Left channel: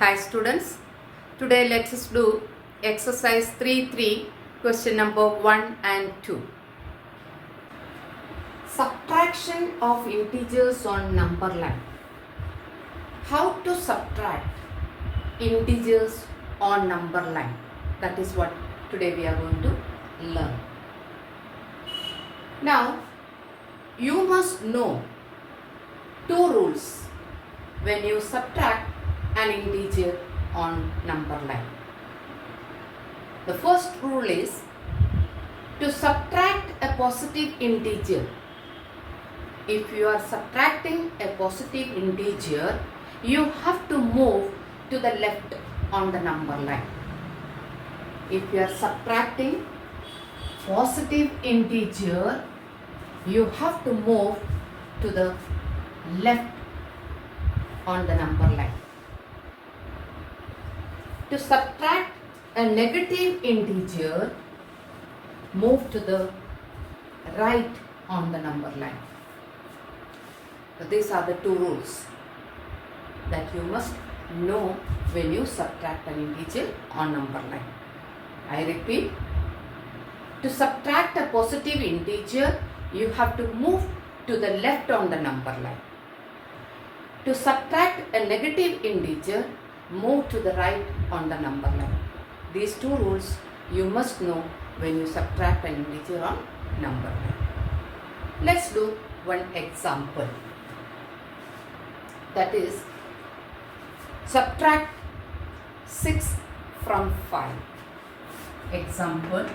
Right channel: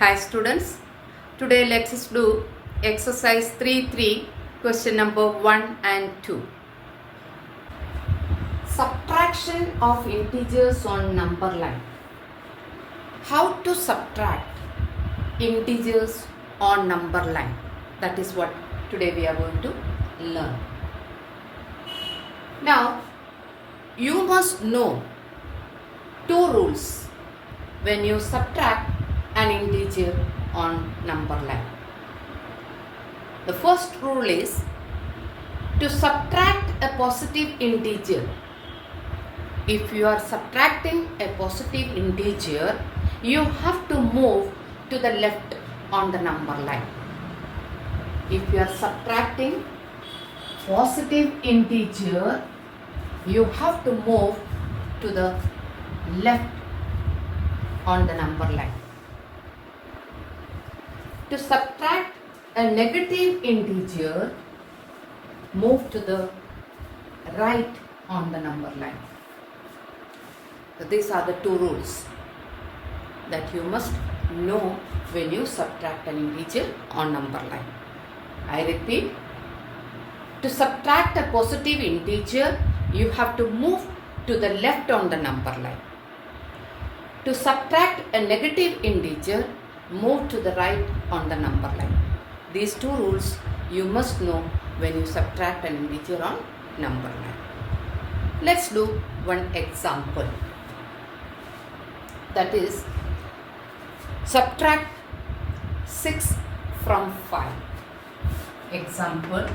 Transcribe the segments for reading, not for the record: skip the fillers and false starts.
Hi students, today let us do exercise 3.3 question number 1 and 2. Subtraction of integers on number line. How to subtract integers on number line? That is what today we are going to learn. Now, you must know two rules when you subtract an integer on number line. The first rule is to subtract a positive integer. If you are subtracting a positive integer, you have to move to the left on the number line. If you are subtracting positive integer, you have to move to the left on the number line. To subtract a negative integer, move to the right on the number line. So these are the two rules that you must know when you subtract an integer on number line. I repeat, to subtract a positive integer, you have to move to the left on the number line. To subtract a negative integer, move to the right on the number line. These two rules you must know when you subtract an integer on number line. Let's do one example. That is, subtract 6 from 5. Example,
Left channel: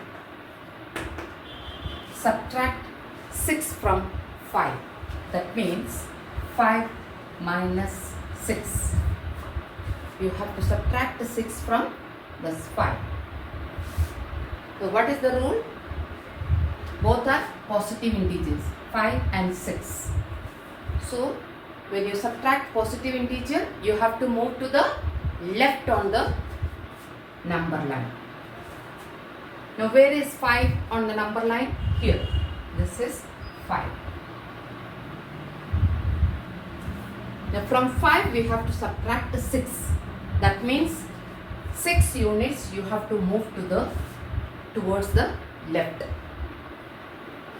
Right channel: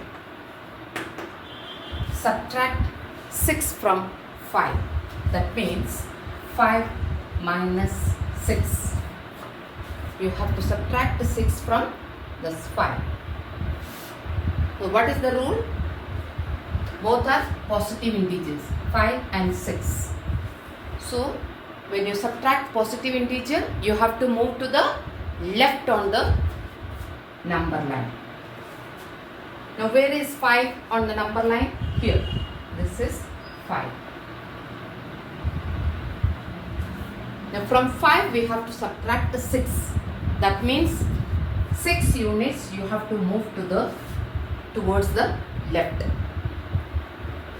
subtract 6 from 5. That means 5 minus 6. You have to subtract the 6 from this 5. So what is the rule? Both are positive integers, 5 and 6. So when you subtract positive integer, you have to move to the left on the number line. Now where is 5 on the number line? Here. This is 5. Now from 5 we have to subtract the 6. That means 6 units you have to move towards the left.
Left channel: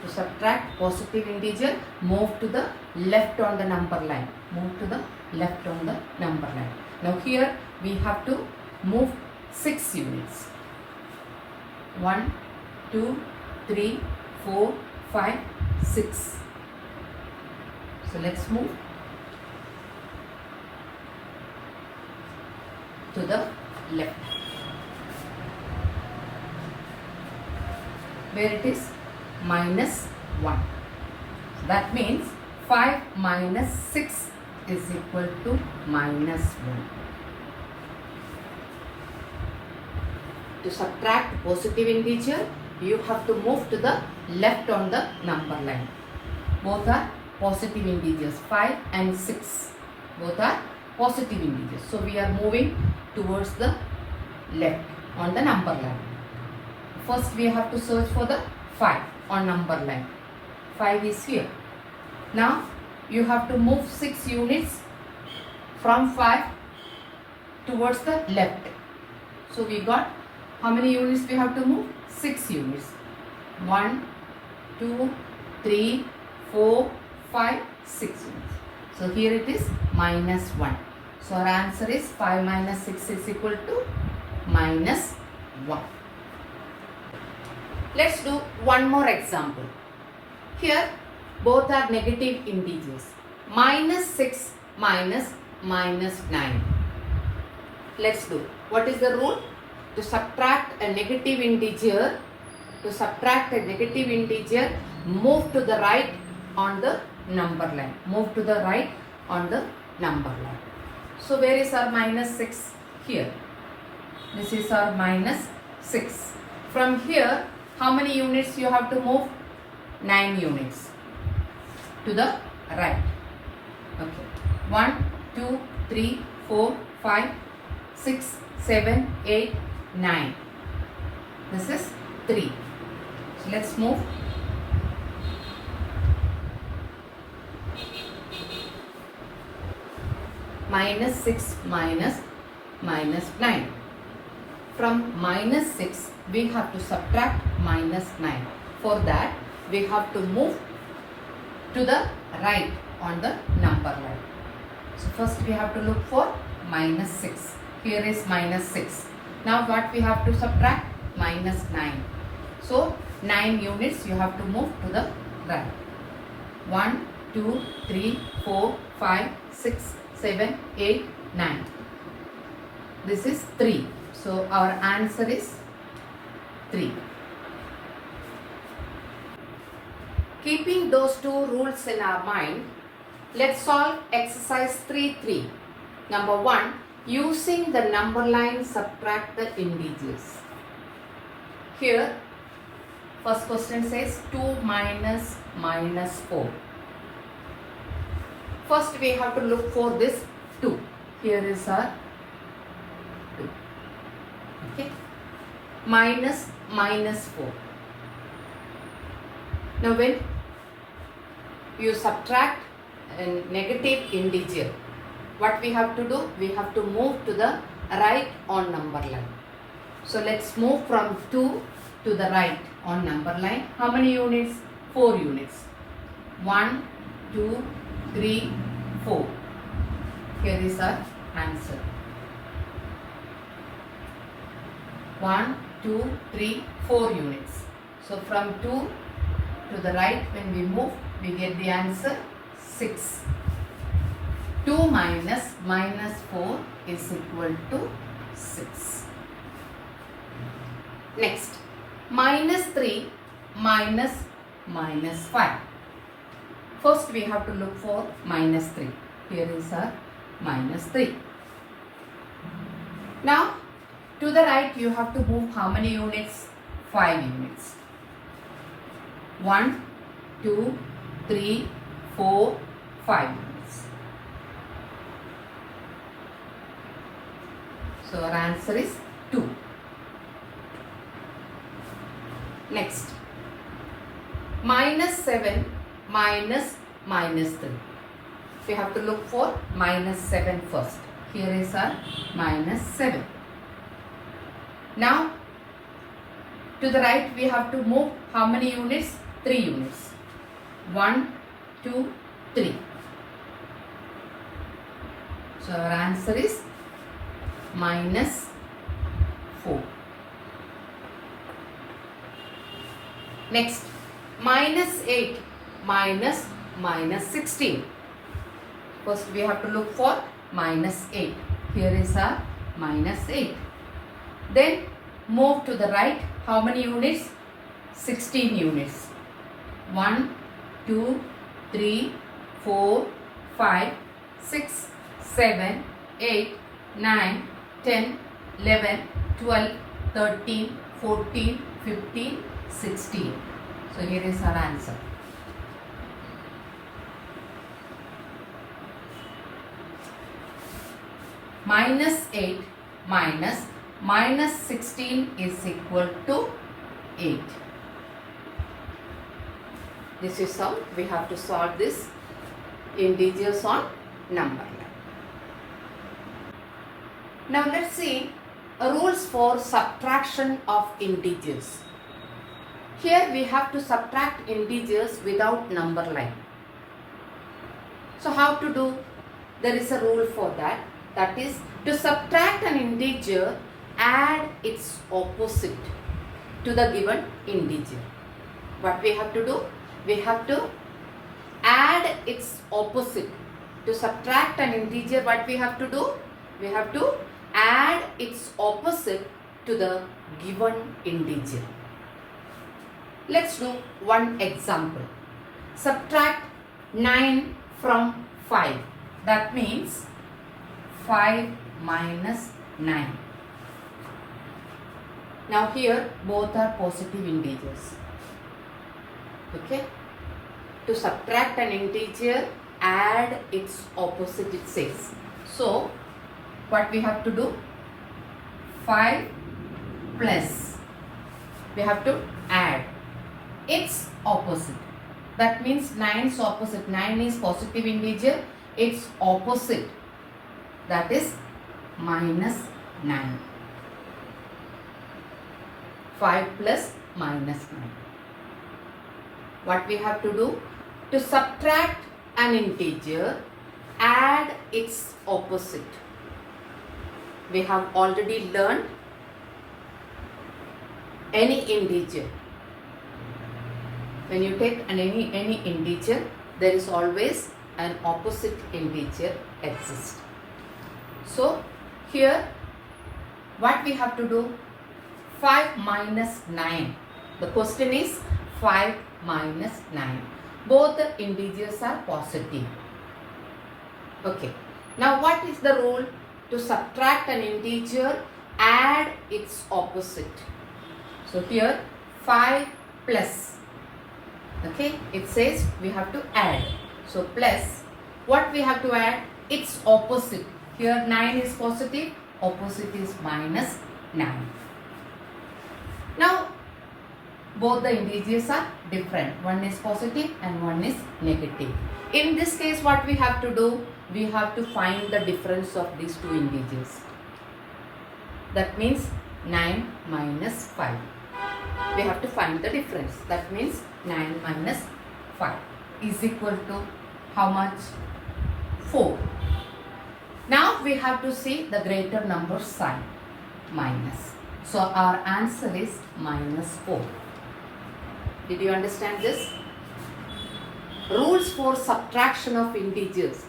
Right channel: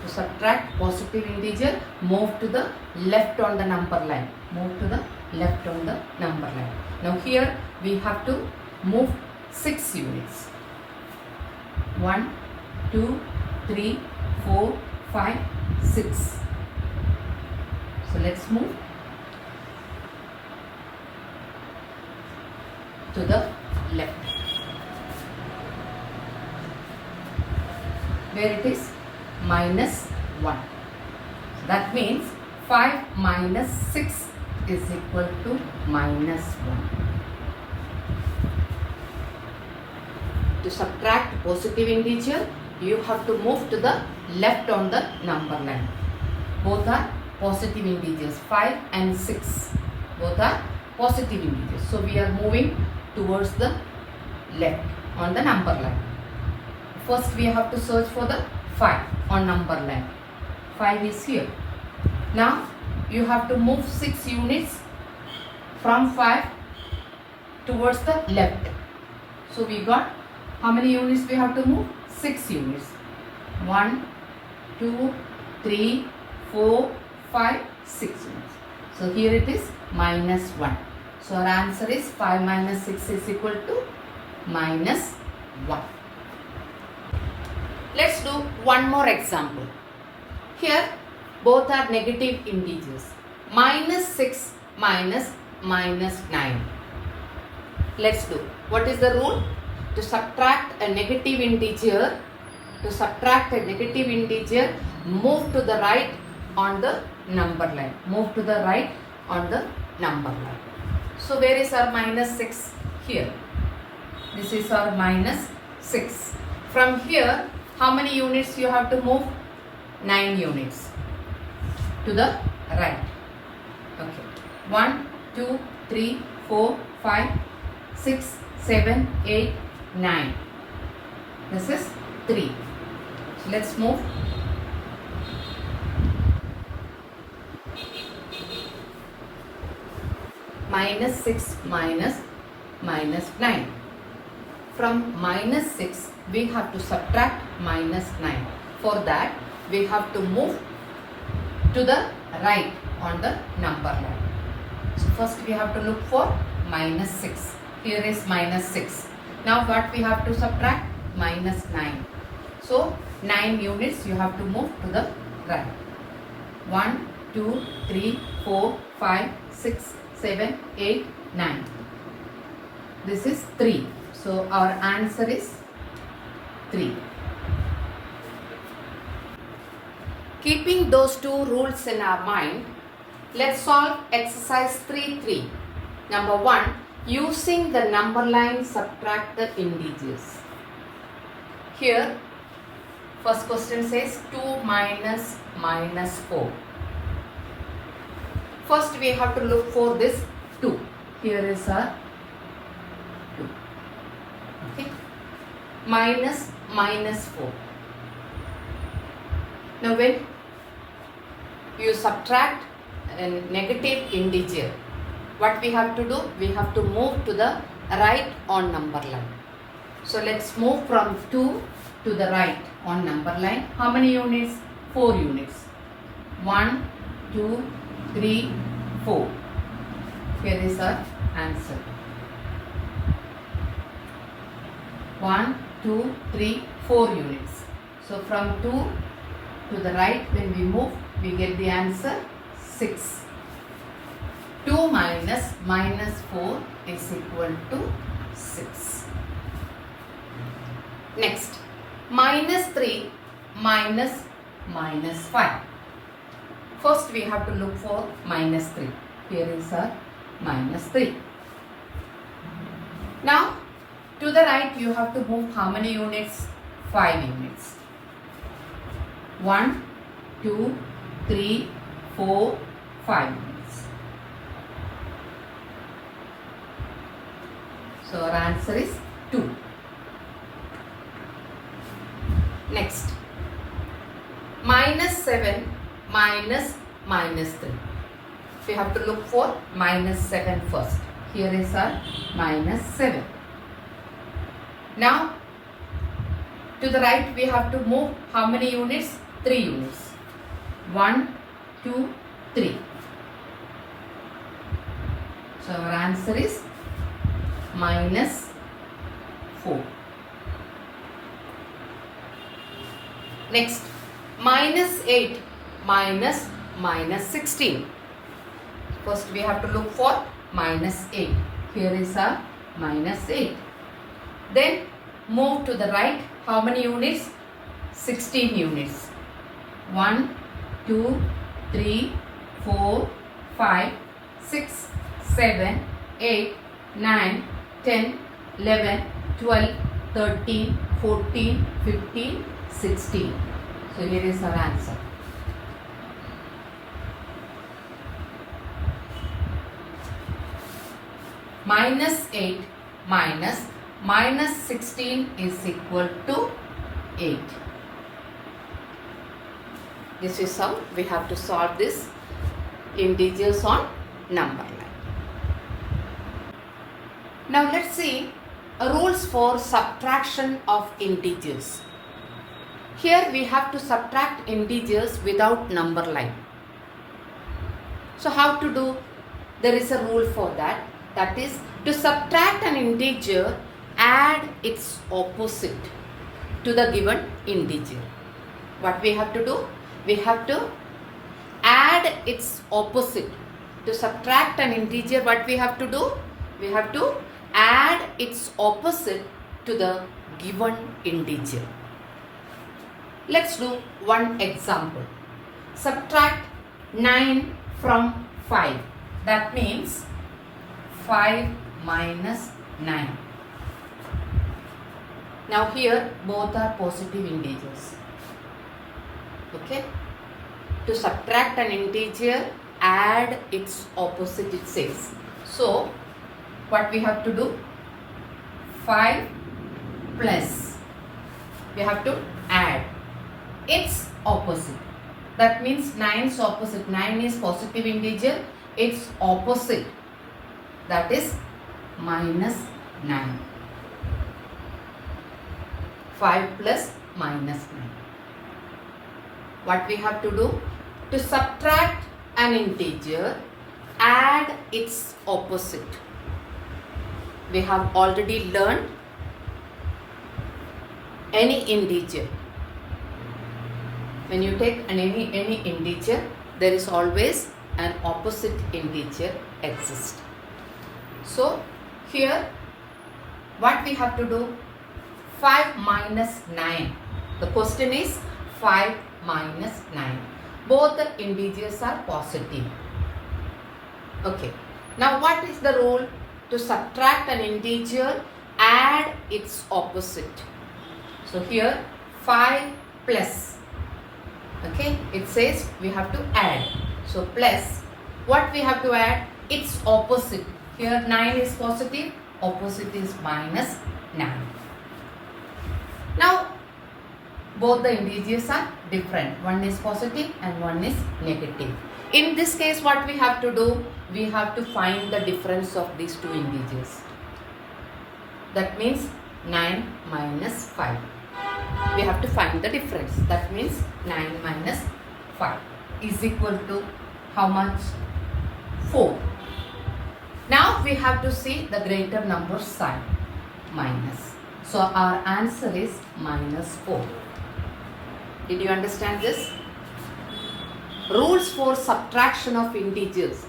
To subtract positive integer, move to the left on the number line. Move to the left on the number line. Now here we have to move 6 units. 1, 2, 3, 4, 5, 6. So let's move to the left. Where it is minus 1. So that means 5 minus 6 is equal to minus 1. To subtract positive integer, you have to move to the left on the number line. Both are positive integers, 5 and 6. Both are positive integers. So we are moving towards the left on the number line. First we have to search for the 5 on number line. 5 is here. Now you have to move 6 units from 5 towards the left. So we got how many units we have to move? 6 units. 1, 2, 3, 4, 5, 6 units. So here it is minus 1. So our answer is 5 minus 6 is equal to minus 1. Let's do one more example. Here both are negative integers. Minus 6 minus minus 9. Let's do. What is the rule? To subtract a negative integer, move to the right on the number line. Move to the right on the number line. So where is our minus 6? Here. This is our minus 6. From here, how many units you have to move? 9 units to the right. Okay. 1, 2, 3, 4, 5, 6, 7, 8, 9. This is 3. So let's move. minus 6 minus minus 9. From minus 6, we have to subtract minus 9. For that, we have to move to the right on the number line. So first we have to look for minus 6. Here is minus 6. Now what we have to subtract? Minus 9. So 9 units you have to move to the right. 1, 2, 3, 4, 5, 6, 7, 8, 9. This is 3. So our answer is 3. Keeping those two rules in our mind, let's solve exercise 3.3. Number 1, using the number line subtract the integers. Here, first question says 2 minus minus 4. First we have to look for this 2. Here is our 2. Okay. Minus minus 4. Now when you subtract a negative integer, what we have to do? We have to move to the right on number line. So let's move from 2 to the right on number line. How many units? 4 units. 1, 2, 3, 4. Here is our answer. 1, 2, 3, 4 units. So from 2 to the right, when we move, we get the answer 6. 2 minus minus 4 is equal to 6. Next, minus 3 minus minus 5. First we have to look for minus 3. Here is our minus 3. Now, to the right you have to move how many units? 5 units. 1, 2, 3, 4, 5 units. So our answer is 2. Next, minus 7 minus minus 3. We have to look for minus 7 first. Here is our minus 7. Now, to the right we have to move how many units? 3 units. 1, 2, 3. So our answer is minus 4. Next, minus 8 minus minus 16. First we have to look for minus 8. Here is our minus 8. Then move to the right. How many units? 16 units. 1, 2, 3, 4, 5, 6, 7, 8, 9, 10, 11, 12, 13, 14, 15, 16. So here is our answer. Minus 8 minus minus 16 is equal to 8. This is how we have to solve this integers on number line. Now let's see rules for subtraction of integers. Here we have to subtract integers without number line. So how to do? There is a rule for that. That is, to subtract an integer, add its opposite to the given integer. What we have to do? We have to add its opposite. To subtract an integer, what we have to do? We have to add its opposite to the given integer. Let's do one example. Subtract 9 from 5. That means 5 minus 9. Now here both are positive integers. Okay. To subtract an integer, add its opposite, it says. So what we have to do? 5 plus, we have to add its opposite. That means 9's opposite. 9 is positive integer. Its opposite, that is minus 9. 5 plus minus 9. What we have to do? To subtract an integer, add its opposite. We have already learned any integer. When you take any integer, there is always an opposite integer exists. So here what we have to do? 5 minus 9. The question is 5 minus 9. Both the integers are positive. Okay. Now what is the rule? To subtract an integer, add its opposite. So here 5 plus. Okay. It says we have to add. So plus, what we have to add? Its opposite. Here 9 is positive, opposite is minus 9. Now both the integers are different. One is positive and one is negative. In this case, what we have to do? We have to find the difference of these two integers. That means 9 minus 5. We have to find the difference. That means 9 minus 5 is equal to how much? 4. Now we have to see the greater number sign, minus. So our answer is minus 4. Did you understand this? Rules for subtraction of integers.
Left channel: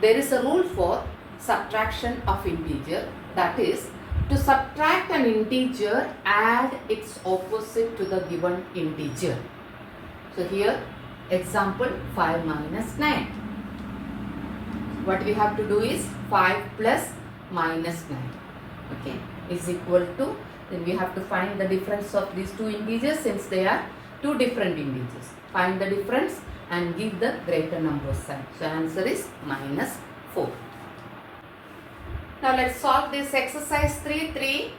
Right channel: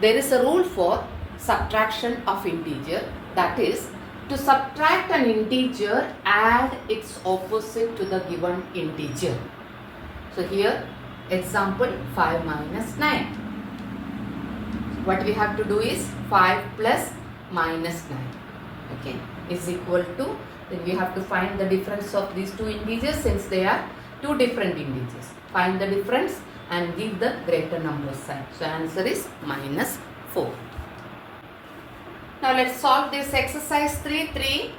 There is a rule for subtraction of integer, that is, to subtract an integer, add its opposite to the given integer. So here, example 5 minus 9. What we have to do is 5 plus minus 9. Okay, is equal to, then we have to find the difference of these two integers since they are two different integers. Find the difference and give the greater number sign. So answer is minus 4. Now let's solve this exercise 3.3.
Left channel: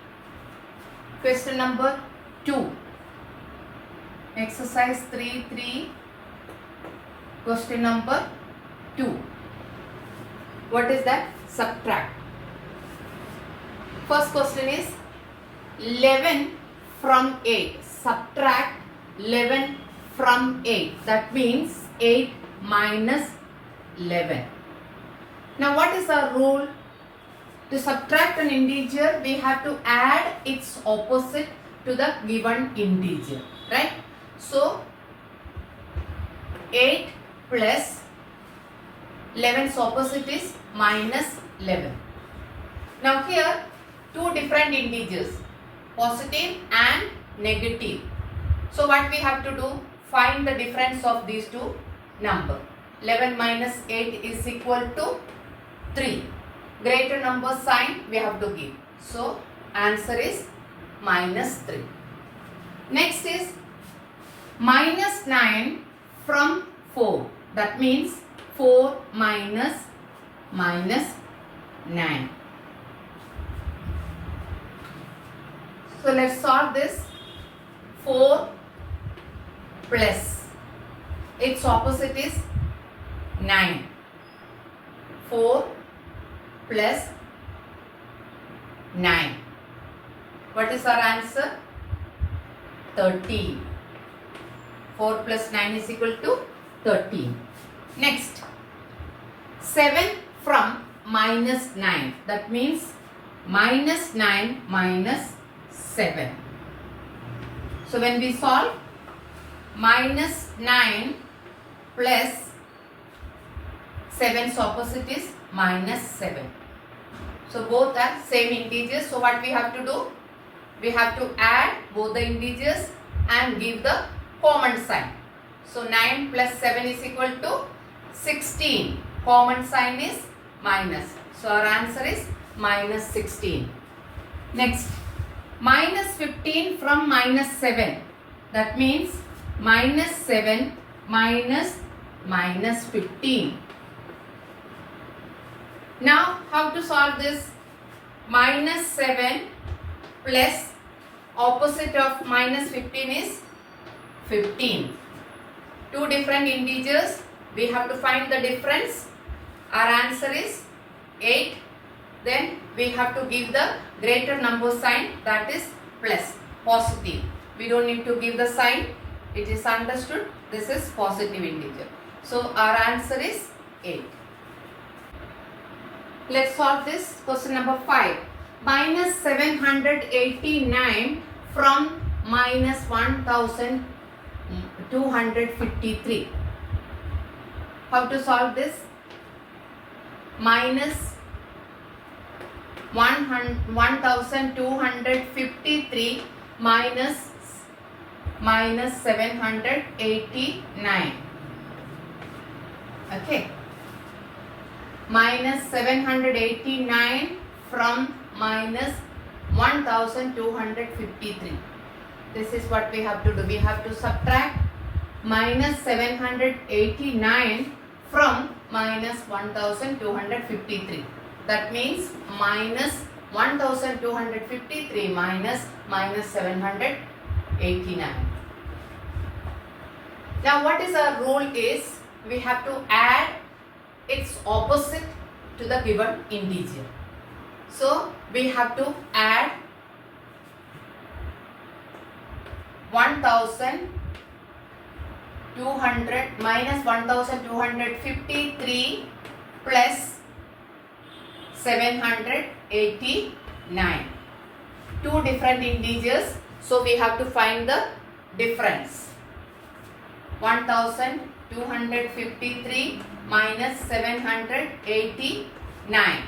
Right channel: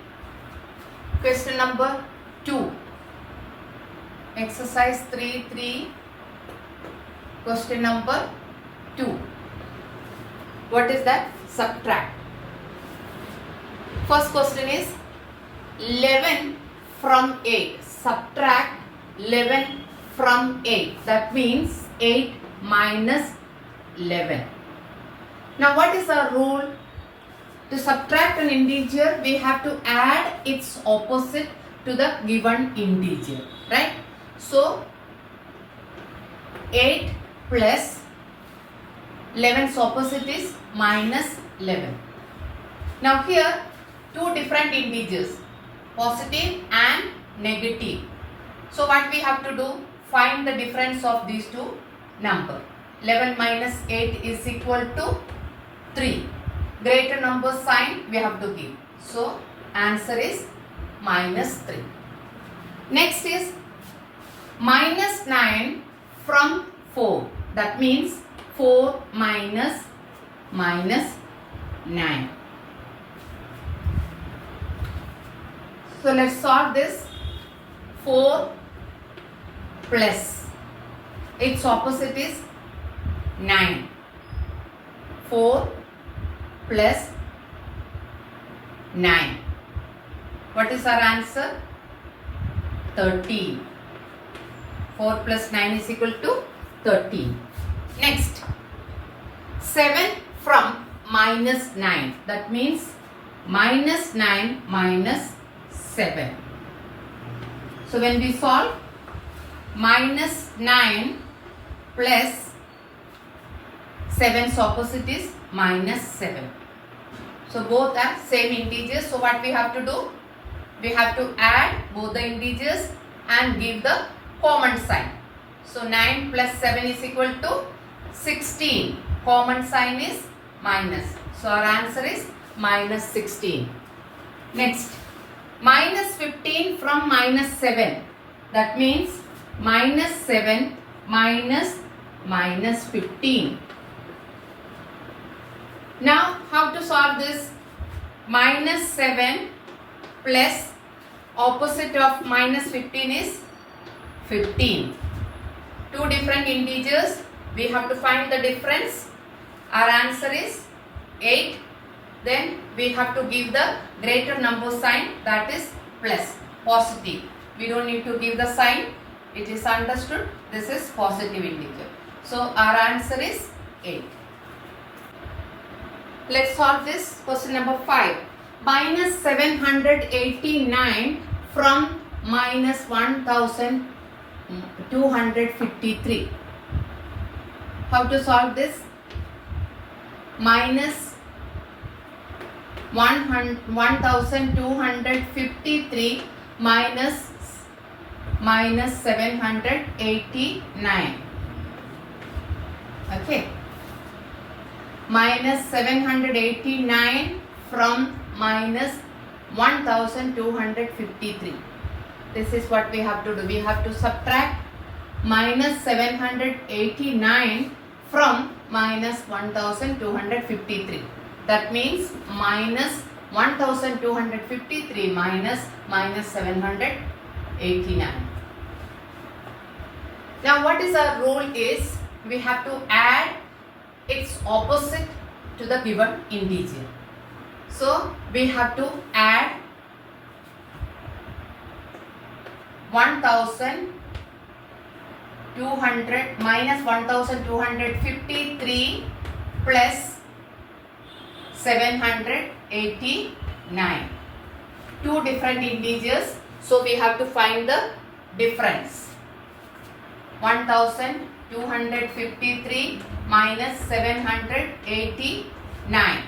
Question number 2. Exercise 3.3. Question number 2. What is that? Subtract. First question is 11 from 8. Subtract 11 from 8. That means 8 minus 11. Now what is our rule? To subtract an integer, we have to add its opposite to the given integer. Right? So 8 plus 11's opposite is minus 11. Now here two different integers, positive and negative. So what we have to do? Find the difference of these two numbers. 11 minus 8 is equal to 3. Greater number sign we have to give. So answer is minus 3. Next is minus 9 from 4. That means 4 minus 9. So let's solve this. 4 plus, its opposite is 9. 4 plus 9. What is our answer? 13. 4 plus 9 is equal to 13. Next, 7 from minus 9. That means minus 9 minus 7. So when we solve, minus 9 plus 7's opposite is minus 7. So both are same integers. So what we have to do? We have to add both the integers and give the common sign. So 9 plus 7 is equal to 16. Common sign is minus. So our answer is minus 16. Next, minus 15 from minus 7. That means minus 7 minus 15. Now how to solve this? Minus 7 plus opposite of minus 15 is 15. Two different integers. We have to find the difference. Our answer is 8 then we have to give the greater number sign, that is plus, positive. We don't need to give the sign, it is understood. This is positive integer. So our answer is 8. Let's solve this. Question number 5. Minus 789 from minus 1253. How to solve this? Minus 1253 minus 789. Okay. Minus 789 from minus 1253. This is what we have to do. We have to subtract minus 789 from minus 1253. That means minus 1253 minus 789. Now what is our rule is, we have to add its opposite to the given integer. So we have to add 1200 minus 1253 plus 789. Two different integers, so we have to find the difference. 1253 minus 789.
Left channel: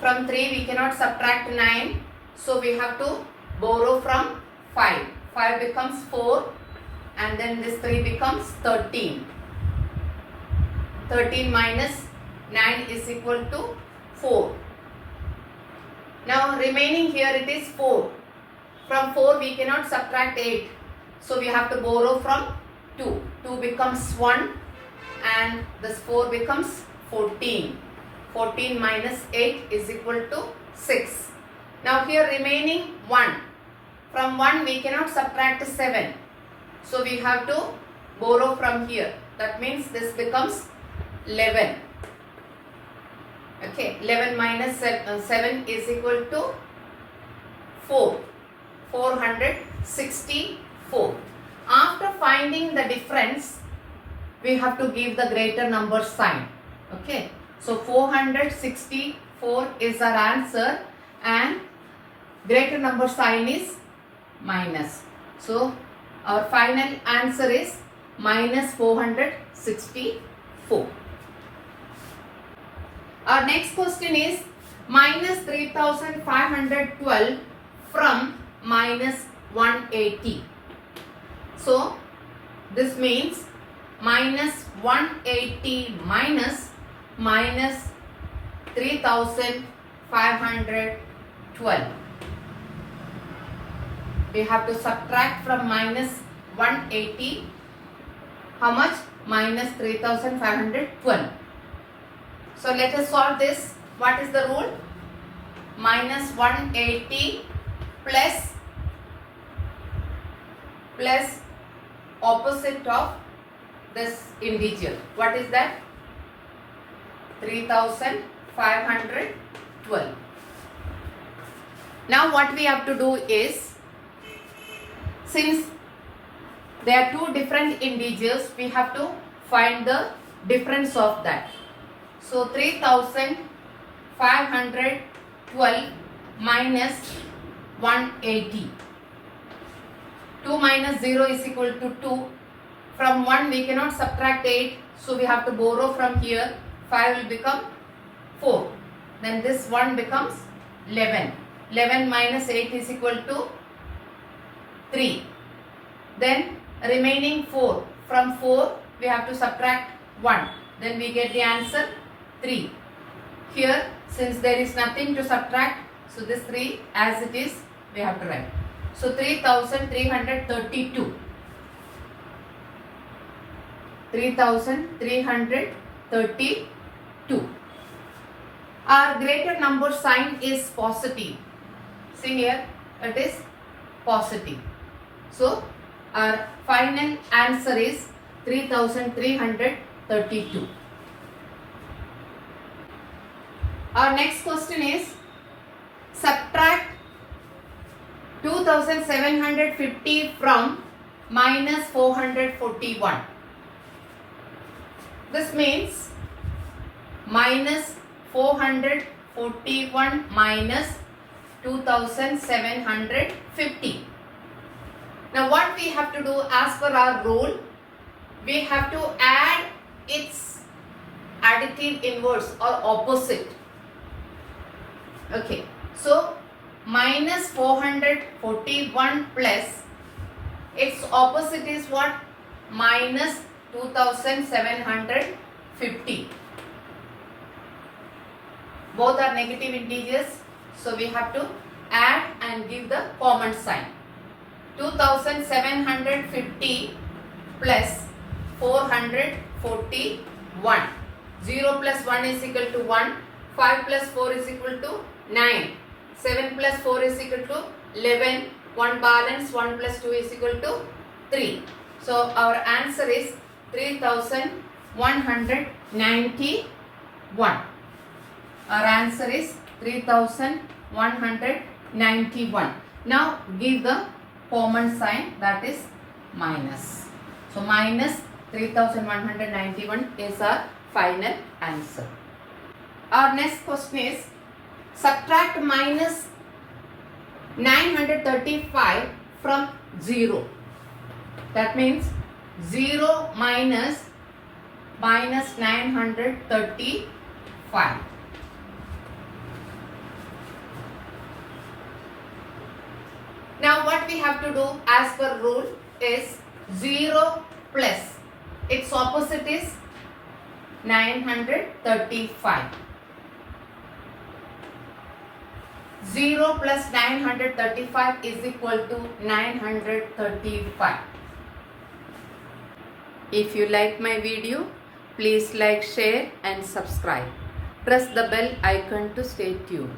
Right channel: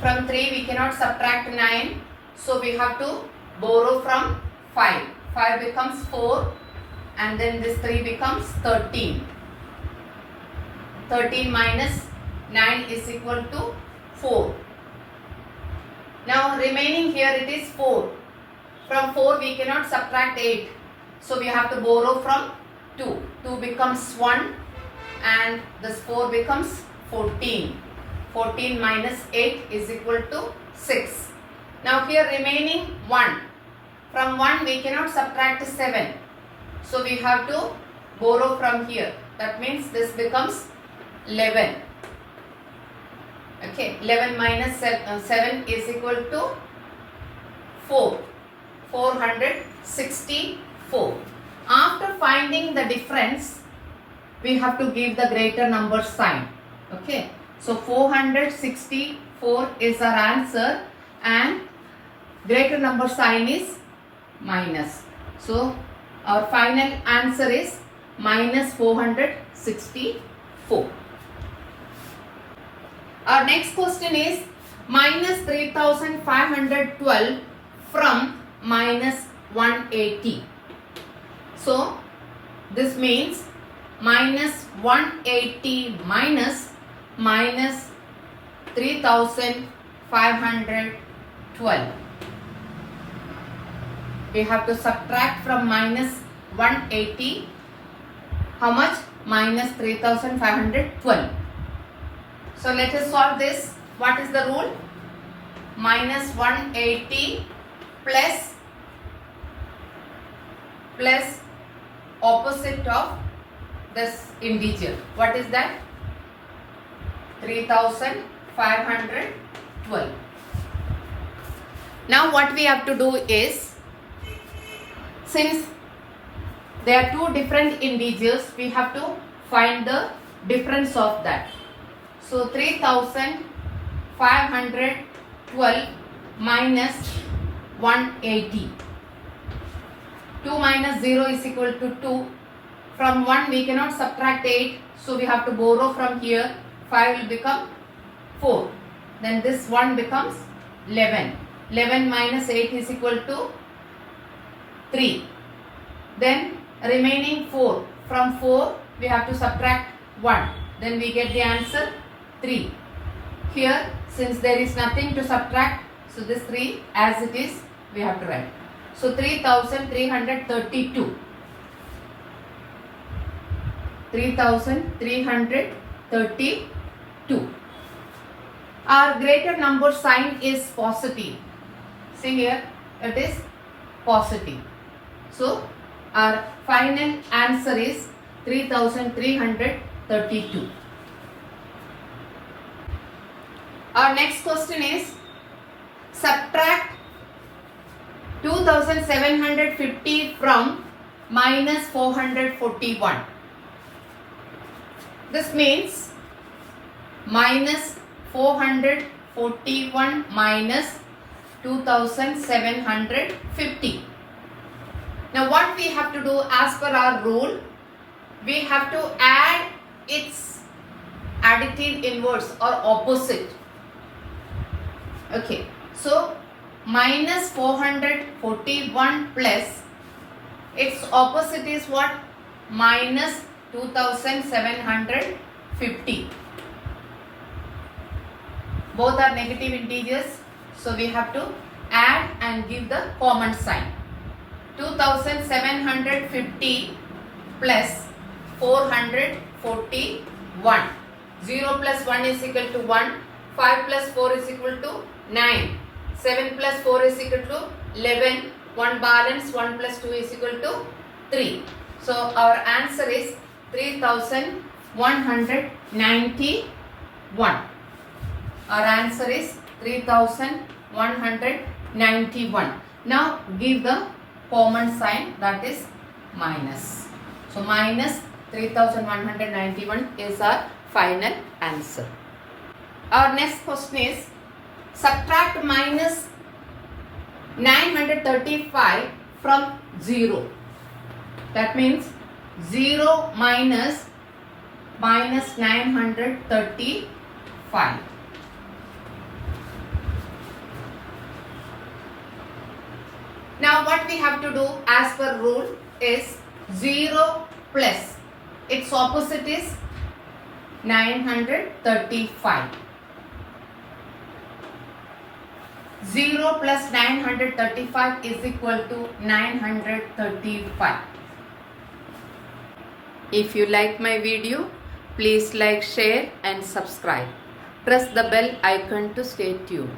From 3 we cannot subtract 9, so we have to borrow from 5. 5 becomes 4 and then this 3 becomes 13. 13 minus 9 is equal to 4. Now remaining here it is 4. From 4 we cannot subtract 8. So we have to borrow from 2. 2 becomes 1 and this 4 becomes 14. 14 minus 8 is equal to 6. Now here remaining 1. From 1 we cannot subtract 7. So we have to borrow from here. That means this becomes 11. Okay, 11 minus 7 is equal to 4. 464. After finding the difference, we have to give the greater number sign. Okay, so 464 is our answer and greater number sign is minus. So our final answer is minus 464. Our next question is minus 3512 from minus 180. So this means minus 180 minus 3512. We have to subtract from minus 180 how much? Minus 3512. So let us solve this. What is the rule? Minus 180 plus opposite of this integer. What is that? 3512. Now what we have to do is, since there are two different integers, we have to find the difference of that. So 3512 minus 180. 2 minus 0 is equal to 2. From 1 we cannot subtract 8. So we have to borrow from here. 5 will become 4. Then this 1 becomes 11. 11 minus 8 is equal to 3. Then remaining 4. From 4 we have to subtract 1. Then we get the answer 3. Here since there is nothing to subtract, so this 3 as it is we have to write. So 3332. 3332. Our greater number sign is positive. See here, it is positive. So our final answer is 3332. Our next question is subtract 2750 from minus 441. This means minus 441 minus 2750. Now what we have to do as per our rule, we have to add its additive inverse or opposite. Okay, so minus 441 plus its opposite is what? Minus 2750. Both are negative integers, so we have to add and give the common sign. 2750 plus 441. 0 plus 1 is equal to 1. 5 plus 4 is equal to 9. 7 plus 4 is equal to 11. 1 balance, 1 plus 2 is equal to 3. So our answer is 3191. Our answer is 3191. Now give the common sign, that is minus. So minus 3191 is our final answer. Our next question is subtract minus 935 from 0. That means 0 minus 935. Now what we have to do as per rule is 0 plus its opposite is 935. 0 plus 935 is equal to 935. If you like my video, please like, share and subscribe. Press the bell icon to stay tuned.